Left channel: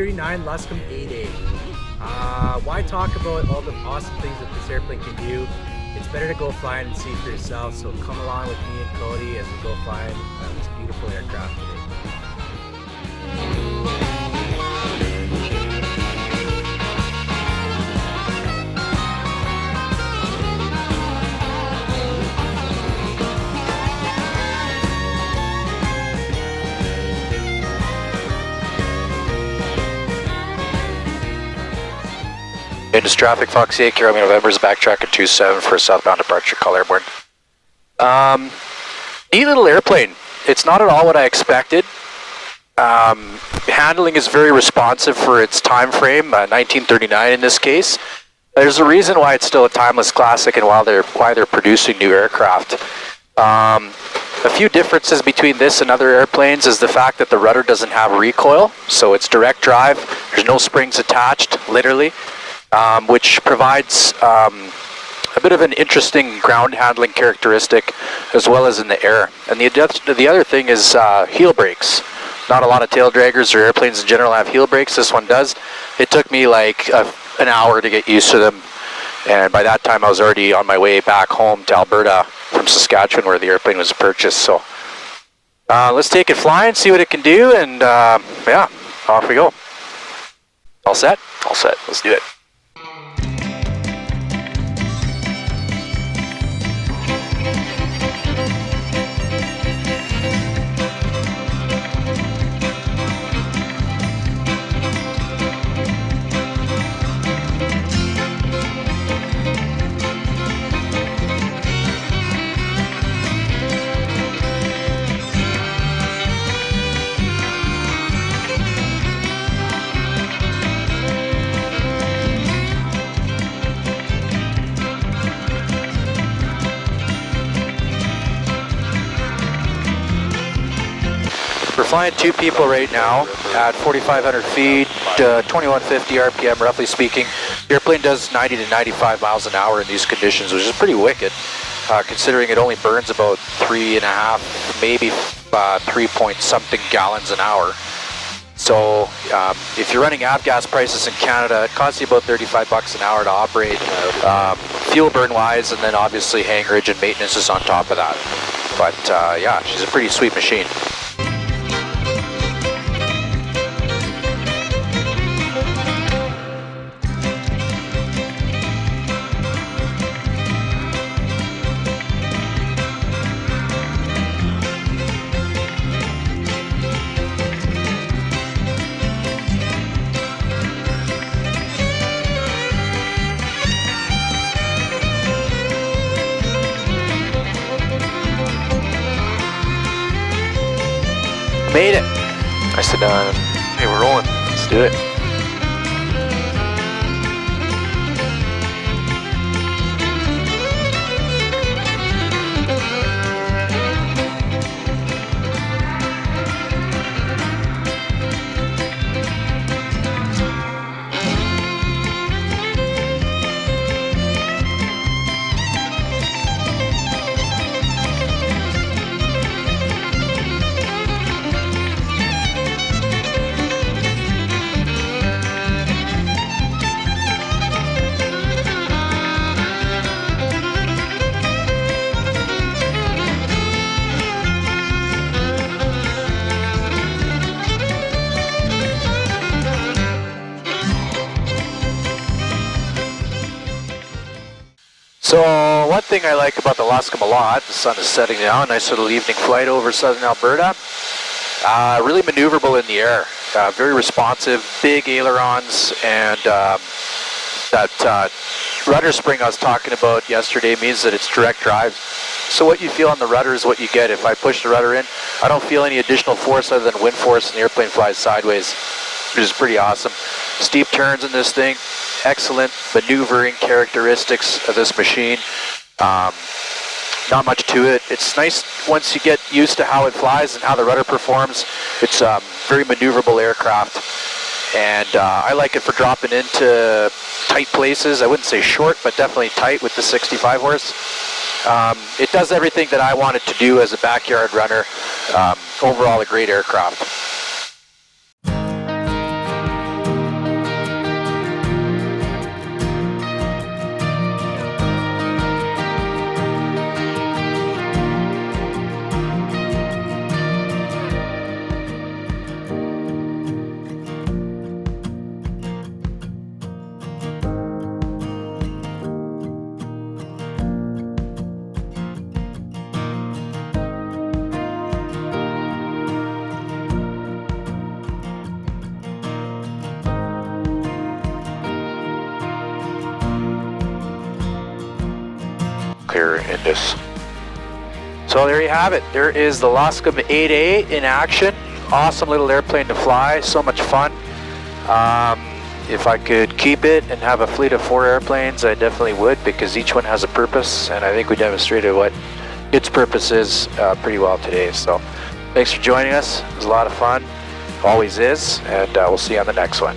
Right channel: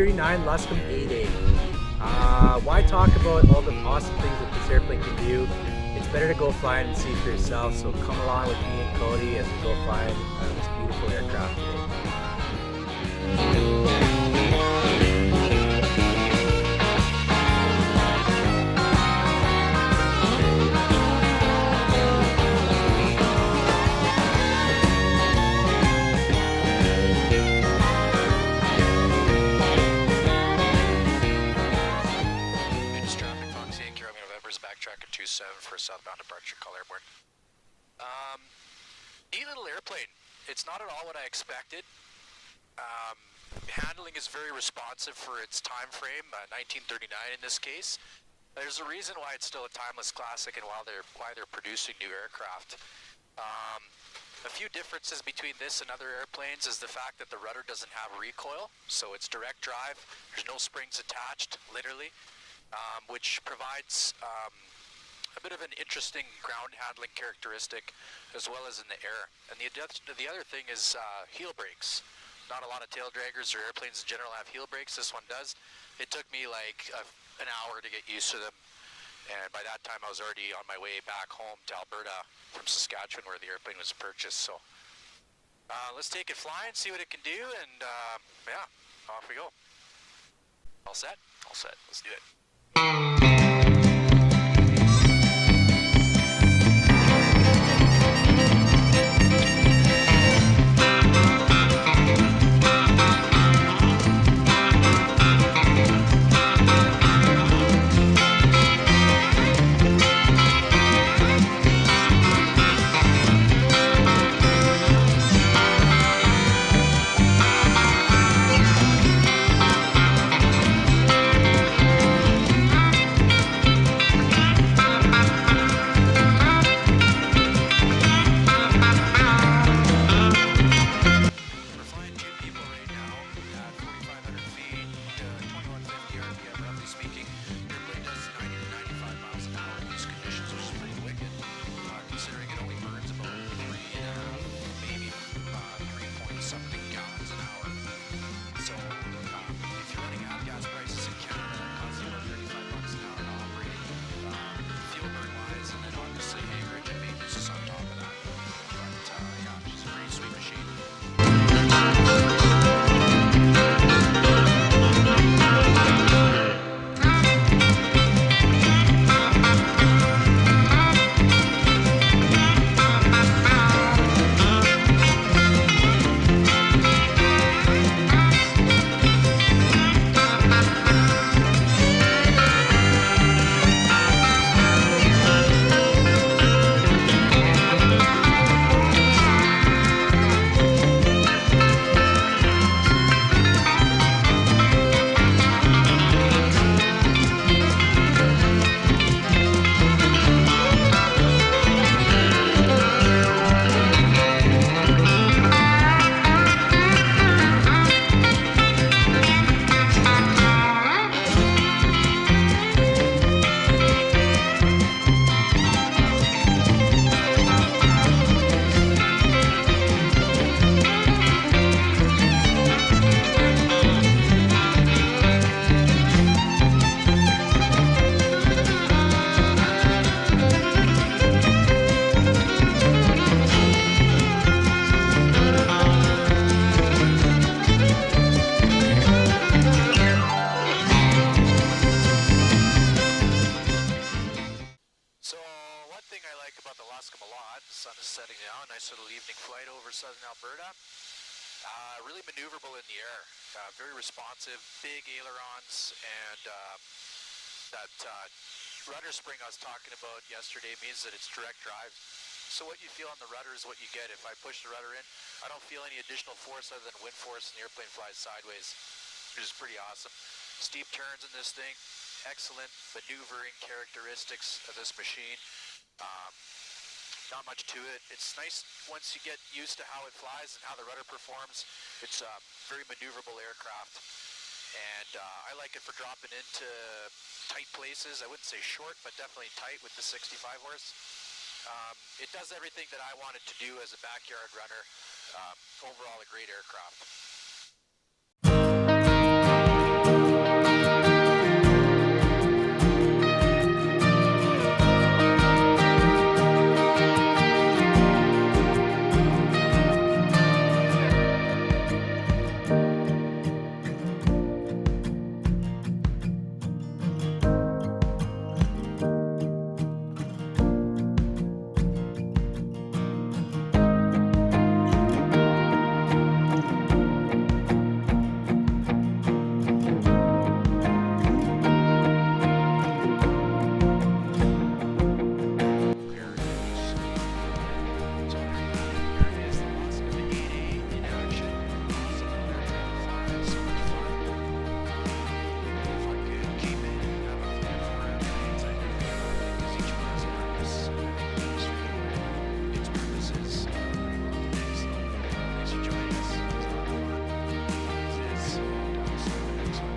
1939 Luscombe 8A. Why talk about all the awesome things that this airplane can do? It's better to go fly it and see for yourself, so come along with me and Cody as we go fly this beautiful aircraft today. Into traffic, Fox 8, Kilo November's backtrack at 27 for a southbound departure, call Airborne. Neat little airplane. It's not at all what I expected. Handling is very responsive for its time frame, 1939 in this case. There's a reason why it's still a timeless classic and why they're producing new aircraft. A few differences between this and other airplanes is the fact that the rudder doesn't have recoil, so it's direct drive. There's no springs attached, literally. Which provides a bit of an interesting ground handling characteristic as well as in the air. And the other thing is heel brakes. Not a lot of tail draggers or airplanes in general have heel brakes. This one does. It took me like an hour to get used to them, and by that time I was already on my way back home to Alberta from Saskatchewan where the airplane was purchased. So let's take it flying, see what it can do, and yeah, off we go. All set? All set. Let's do it. Flying two people right now at 4,500 feet, 2150 RPM, roughly speaking. The airplane does 90 to 95 miles an hour in these conditions, which is pretty wicked, considering it only burns about 3.5, maybe 3 point something gallons an hour. So if you're running avgas prices in Canada, it costs you about 35 bucks an hour to operate, fuel burn wise, and then obviously hangarage and maintenance is on top of that. But yeah, she's a pretty sweet machine. Made it. I said, hey, we're rolling. Let's do it. So one thing I like about the Luscombe a lot, the sun is setting now, nice little evening flight over southern Alberta. Really maneuverable in the air, very responsive, big ailerons, and that rudder spring I was talking about yesterday means that it's direct drive. So what you feel on the rudder is what you get. If I push the rudder in, I don't feel any additional force other than wind force, and the airplane flies sideways, which is pretty awesome. Steep turns in this thing. Excellent maneuvering characteristics of this machine. Not much to it. It's nice once you get used to how it flies and how the rudder performs. It's a very maneuverable aircraft, and I like it for dropping into tight places. I wouldn't say short, but definitely tight with the 65 horse. It does everything that I want it to do as a backyard runner. Overall, a great aircraft. clear in this. So there you have it. There is the Luscombe 8A in action. Awesome little airplane to fly. So much fun. If I could keep it and have a fleet of 4 airplanes, I definitely would, because each one has a purpose, and I think we demonstrated what its purpose is pretty well today. So thanks for joining us. It was a lot of fun. Always is, and we'll see you on the next one.